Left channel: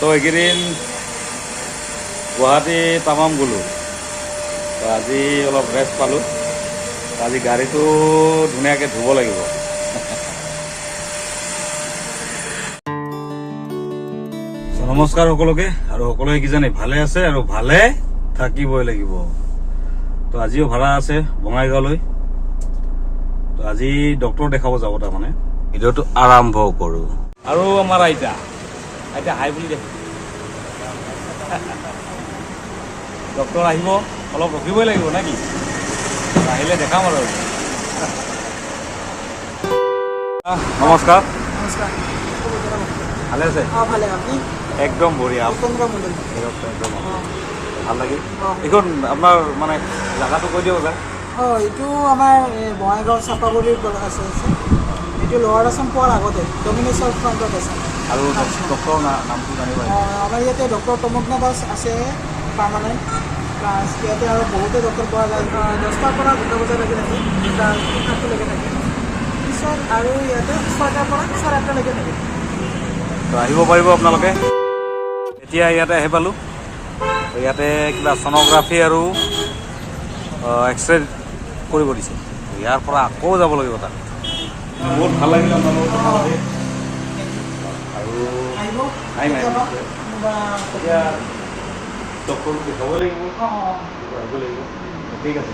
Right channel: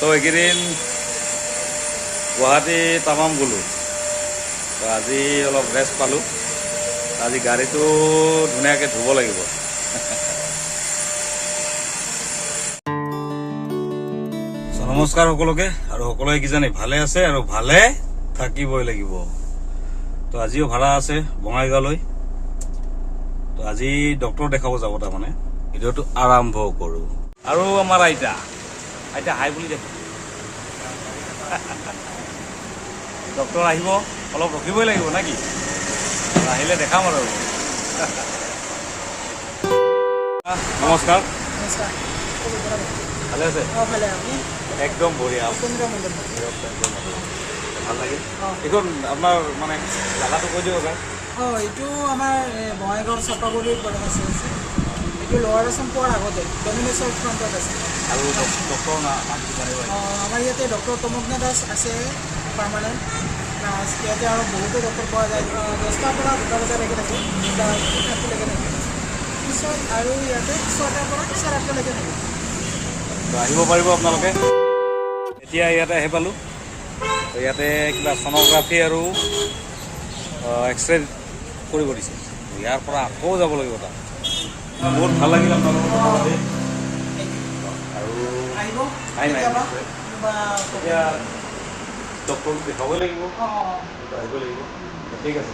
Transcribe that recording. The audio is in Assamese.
তো এইকেইদিন গুৱাহাটী তামাম গ'লোঁ। তো আজি অলপ ৰেষ্ট পালোঁ। আজি গাড়ীটো ধুনীয়াকৈ ধুব লাগিব। নমস্কাৰ সকলোকে, আৰু সকলোৱে কিজানি ভালে আছে আৰু ভালে থাকিবই লাগিব। তো আজিও ভাড়া আছে বঙাইগাঁৱলৈ। তো আজি ডক্টৰ দেখাব যাব, তাৰমানে ভিডিঅ'টো আৰম্ভ কৰোঁ। আৰু আমাৰ আইতা হাই বুলি দেখি ডক্টৰ আহিব, অলপ ৰখিবই লাগিব নে কি? আহিলে দেখাম আৰু। নমস্কাৰ। নমস্কাৰ। ভালে আছে? ভালে। আপুনি? একদম বঢ়িয়া। একদম ভাল লাগিল। এইখন আপোনাৰ মানে জাগাটো কৈ দিয়ক এবাৰ। এইটো আমাৰ বঙাইগাঁও চাপাগুৰিৰ পৰা আছে। এইটো লোৱাৰ আছাম পোৱাৰ আগতে ডমিনছৰ ফ্ৰণ্টত আছে। আৰু ডক্টৰৰ নামটো জানিব? আমাৰ ইয়াতে ডক্টৰ তমগ্না দাস আছে পাৰ্মানেণ্ট। প্লাছ ইয়াতে আৰু বহুতো ডক্টৰ পোৱা যায়। 10টাৰ পৰা 2টা বজালৈকে থাকে, 2:30লৈকে থাকে। পিছত আৰু ইয়াতে 6টাৰ পৰা 8টালৈকে থাকে। তো আহিব পাৰিব আপোনালোকে। এতিয়া ইয়াতে আহি পালোঁ। ইয়াতে কিবা ছ'ন'গ্ৰাফি আৰু এক্সৰে কৰিব দিছে। ইয়াৰ পৰা আকৌ যাব লাগিব তাত। বহুত ভাল লাগিল আপোনালোকৰ কথা পাতি। আৰু এতিয়া ডক্টৰটো দেখাবই লাগিব, আহিব লাগিব। ঠিক আছে।